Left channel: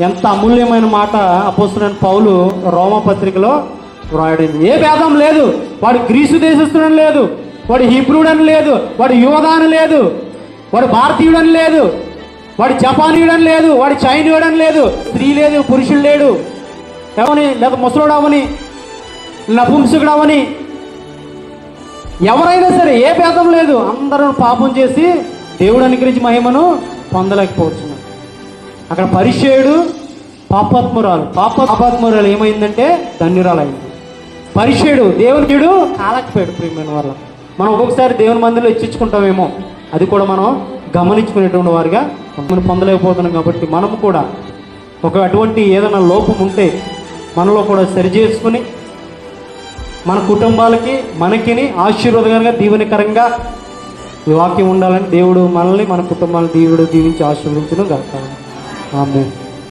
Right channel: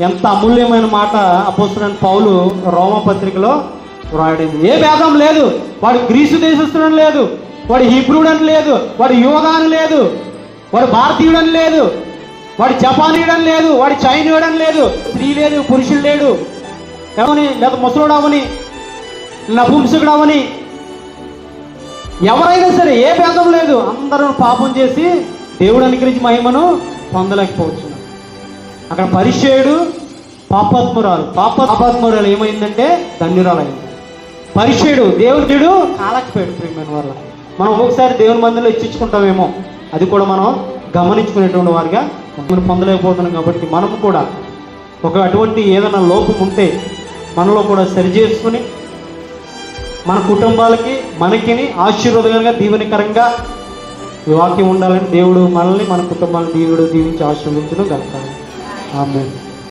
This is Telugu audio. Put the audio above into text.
ఎంత అమూల్యమైన మాట అపోస్తలుడైన పౌలు రోమపత్రికలో వ్రాయడింది. ఏ భేదం లేదు. వాడు గ్రీసు దేశస్తుడని లేదు, వాడు హీబ్రూడని లేదు, వాడు యోధాని లేదు, వాడు భారతీయుడని లేదు, వాడు జపానీయుడని లేదు, వాడు చైనీయుడని లేదు, స్త్రీ లేదు, పురుషుడు లేడు, ఎవని లేదా ముసలుడవని నపుంసకుడవని ఎవరైనా సరే ఏ భేదం లేదు. అందరూ పాపం చేసి దేవుడు అనుగ్రహించి మహిమను పొందలేకపోవచ్చు. అక్కడ పరిచయుడు పాపాత్మురాలు ఏమైందంటే ధన్యురాలైంది. పరిచయుడు దేవుడు కాలకపోయాడు. ప్రియమైన వాళ్ళు మనం ఒక్కొక్కసారి దేవుని మందిలో ఇచ్చించుకుంటామేమో, అది కూడా మనం గమనించుకునేటువంటి వారిగా మనం పొందలేకపోతున్నాం. కాబట్టి మనము కూడా అటువంటి ఏదైనా లోపం ఉంటే మనలో కూడా సరి చేసుకుని మన కుటుంబాలకి మనకిని ఆశీర్వాదకరంగా దీవెనకరంగా ఈ వాక్యం ఉండాలని దేవుడు మనల్ని మన కుటుంబాలను దీవించి ఆశీర్వదించడం గలుగుతాడు. ఆమేన్.